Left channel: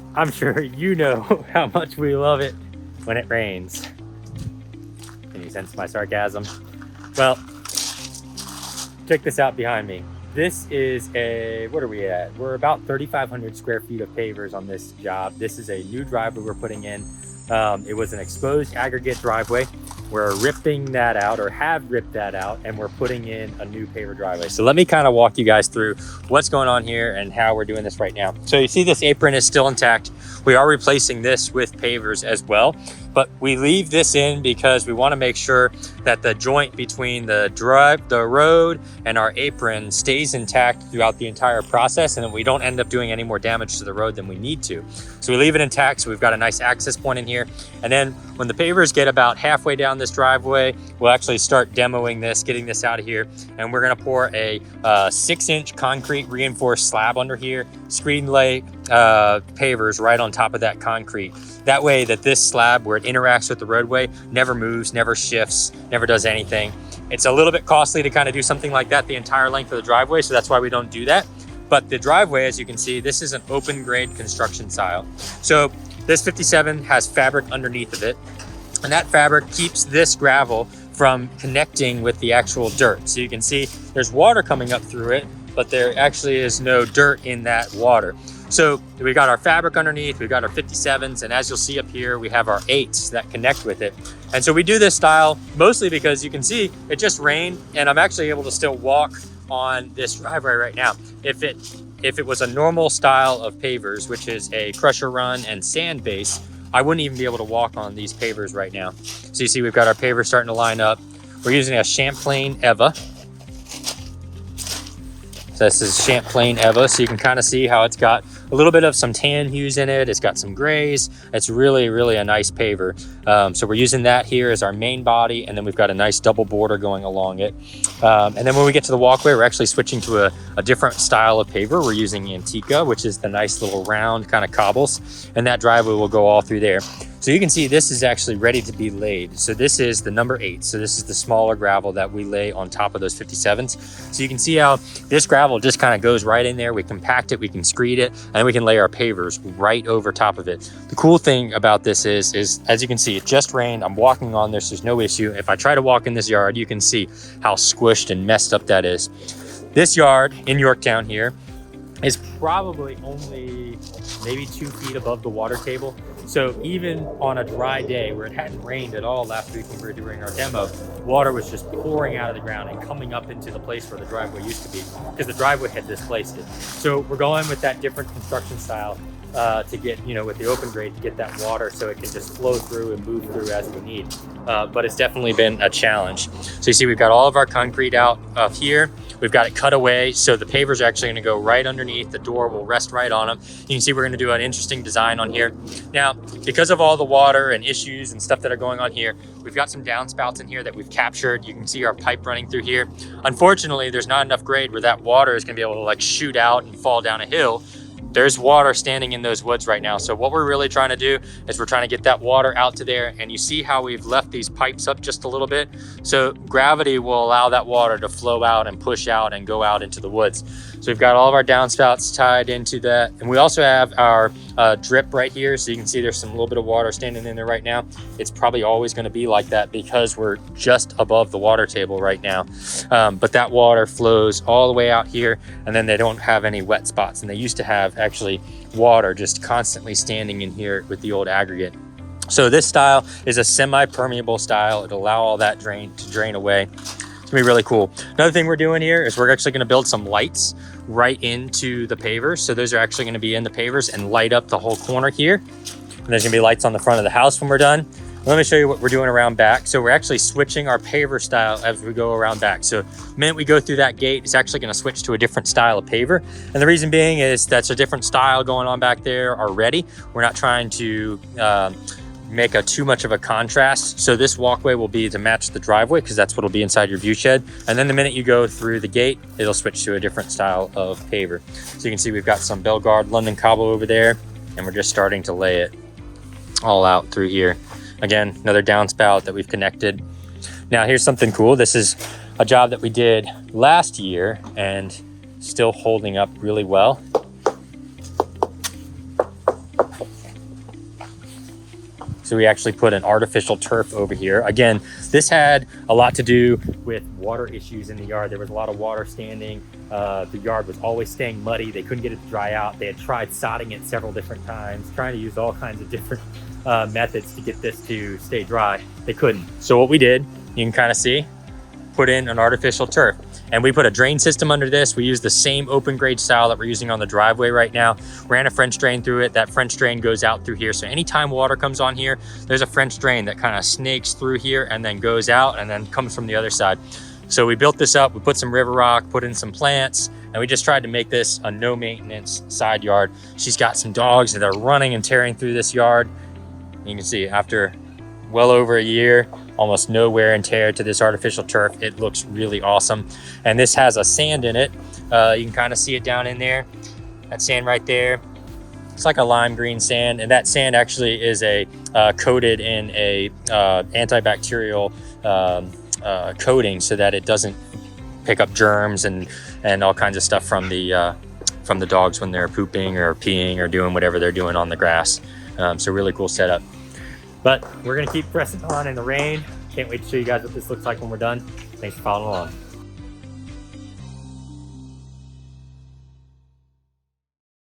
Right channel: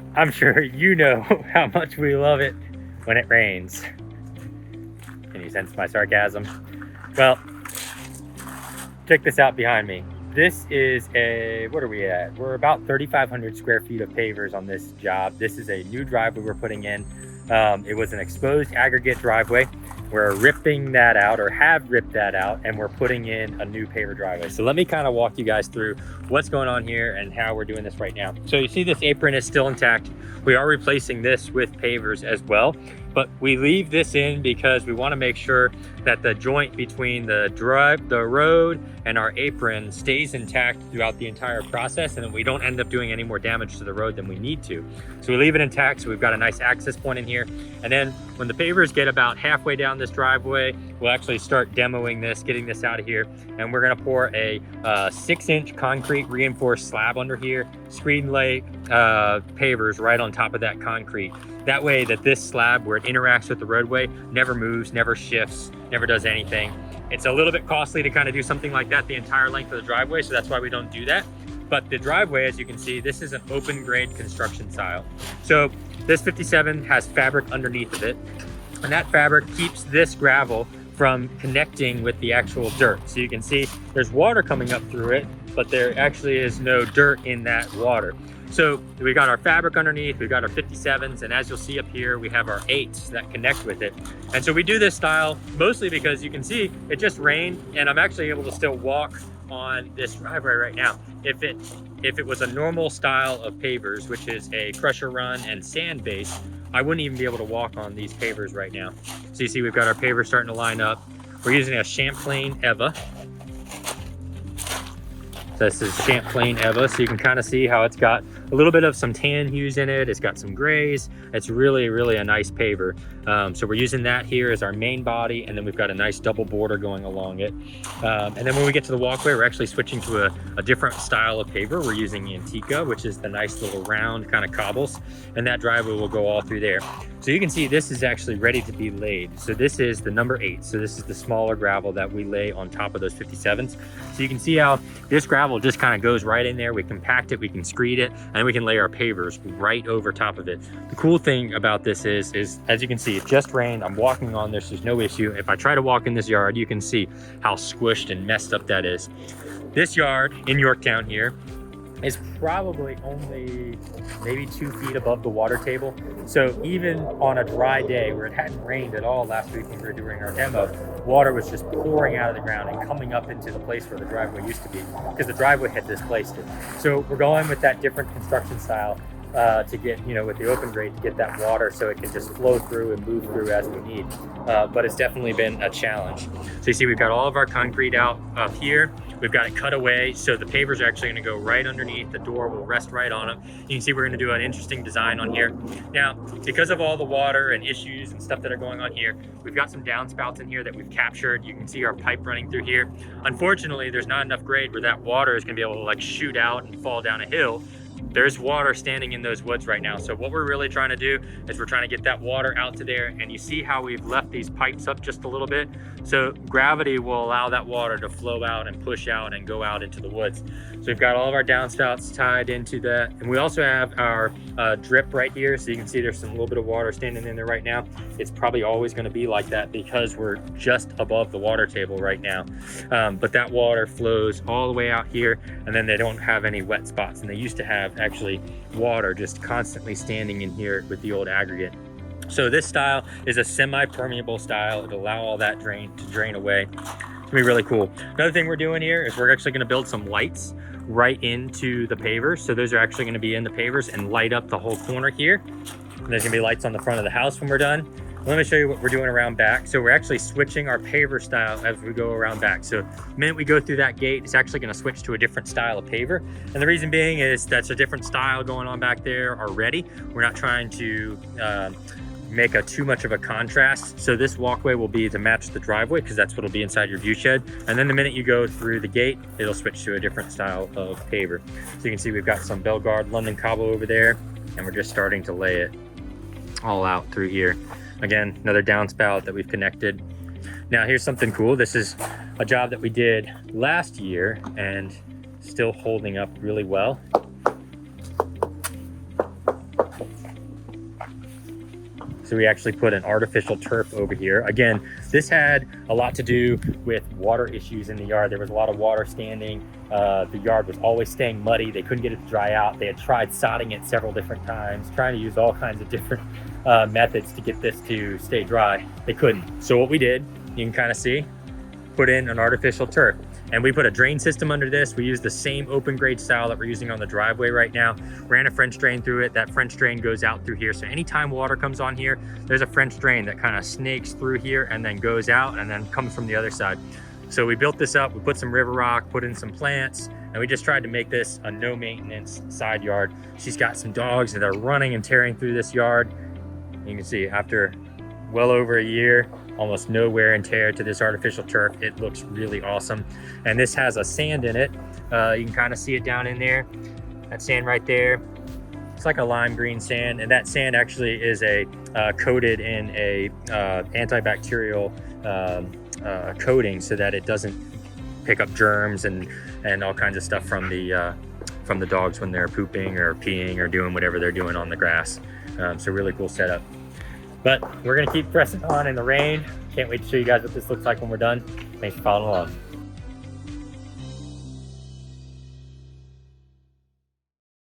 I'm sure you know how much we love it when it rains. Can you sense my sarcasm? Well, check this out behind me. This is what are we at? We're about 3,500 square feet of pavers on this job. This is a new driveway we're putting in. It was an exposed aggregate driveway. We're ripping that out, or have ripped that out, and we're putting in a new paver driveway. So let me kind of walk you guys through what's going on here and how we're doing this right now. So you see this apron is still intact. We are replacing this with pavers as well, but we leave this in because we want to make sure that the joint between the road and our apron stays intact throughout the entire process, and that we don't end up doing any more damage to the road than we need to. So we leave it intact, so we've got a nice access point in here. And then when the pavers get about halfway down this driveway, we'll actually start demoing this, getting this out of here, and we're gonna pour a 6-inch concrete reinforced slab under here, screen lay pavers right on top of that concrete. That way that this slab, where it interacts with the roadway, never moves, never shifts, never does anything. It's a little bit costly to kind of do something like that the entire length of the driveway, so that's why we don't do that. But the driveway, as you can see, this is an open grade construction style. So this 57 has fabric underneath of it, and that fabric keeps this gravel from connecting with the actual dirt. So you can see there's water coming up through it, but there actually is no dirt in that water. So we got our fabric underneath, we've got our 57s, and as you'll see up here, we have our 8s that connect with it. And so we do this style mostly because you can see it just rained, and I'm actually able to still walk on this driveway right now. If it was a normal style of pavers, which is a crusher run and sand base, I wouldn't even be able to walk on these pavers right now. So you see we've got our pavers starting to line up. We're using a Champlain Eva. So this is Champlain Eva, so you can kind of see how it's got a little bit of some tan hues in it. It's got some grays. It's really, really a nice paver. So we're using that here as our main body, and then we've got a nice double border going along it. And then when we get to the walkway, we're actually switching to a different style of paver. We're using Antica, which is the nice little round kind of cobbles, and that driveway will go all through there. So you can see this is actually ready to be laid. So this is the number 8. So this is the smaller gravel that we lay on top of those 57s. So you can see how this gravel just kind of goes right in there. We compact it, we can screed it, and then we can lay our pavers right over top of it. The cool thing about this is as you can see, it just rained. I'm walking on this, there's no issue. If I try to walk in this yard, you can see how squished and messed up that is. This yard in Yorktown here is probably only maybe 2 feet above the water table. So even on a dry day where it hadn't rained at all last week when we were doing our demo, water was just pouring out of the ground and coming up into the place where the driveway used to be, because the driveway had displaced it. So we're going with that different construction style to get, with the open grade, to get that water so it can just flow through and move through as we need. But it's definitely been a challenge. So you see we've got all of our concrete out up here. We've got it cut away, so the pavers are actually going to go right underneath. The door will rest right on them. You can see we're going to do an interesting design on here. Now, because of all the water and issues and stuff that are going on here, we've got some downspouts in here that we've captured. You can see our pipe running through here. Unfortunately, there's not enough grade where that water is going to be able to like shoot out and fall down a hill. There's water standing in those woods right now. So what we're really trying to do is we're trying to get that water out to there, and you see how we've left these pipes up just a little bit. So gravity will allow that water to flow out and push out and go out into the woods. So we've got all of our downspouts tied into that. And we also have our drip right here. So you can see there's some little bit of water standing in there right now. It's probably always gonna be like that because we're just above the water table right now. But that water flows all the way out here, and then they don't have any wet spots. And they used to have actually water just constantly standing in here with the old aggregate. So this style is a semi-permeable style. It'll allow all that to drain away. It's gonna be really cool. Another thing we're doing here is we're actually gonna build some lights right into the pavers. So those are actually gonna be in the pavers and light up the whole corner here. And there's gonna be lights on the front of the house when we're done. Let me show you what we're doing around back. So we're actually switching our paver style as we go around back. So the minute we go through that gate, it's actually gonna switch to a different style of paver. And the reason being is that's a different style going on back there already. We're not trying to make too much of a contrast. So this walkway will be to match the driveway, because that's what'll be inside your view shed. And then the minute you go through the gate, it'll switch to a different style of paver. So you can see we've got some Belgard London cobble over there, and we're just starting to lay it all out through here. Again, another downspout that we've connected. Now here's something cool. This is a job that we did last year and still holding up really well. So we actually put an artificial turf over here. Again, this had a lot to do with water issues in the yard. There was a lot of water standing. The yard was always staying muddy. They couldn't get it to dry out. They had tried sodding it several different times, trying to use all kinds of different methods to get this to stay dry. They couldn't. So what we did, you can kind of see, put in an artificial turf. And we put a drain system under this. We use the same open grade style that we're using on the driveway right now. Ran a French drain through it. That French drain goes out through here. So anytime water comes on here, there's a French drain that kind of snakes through here and then goes out and then comes from the other side. So we built this up. We put some river rock, put in some plants, and we just tried to make this a no maintenance side yard. She's got some dogs that are running and tearing through this yard. You can see after well over a year, almost no wear and tear to this artificial turf. It looks really awesome. And this has a sand in it. You can kind of see it down in there. That sand right there, it's like a lime green sand. And that sand actually is coated in a antibacterial coating so that it doesn't pick up germs and all kinds of stuff from the dogs when they're pooping or peeing or doing whatever they're doing on the grass. So really cool setup. But we're gonna keep pressing on in the rain. Can't wait to show you guys what this looks like when we're done. Thanks for following along.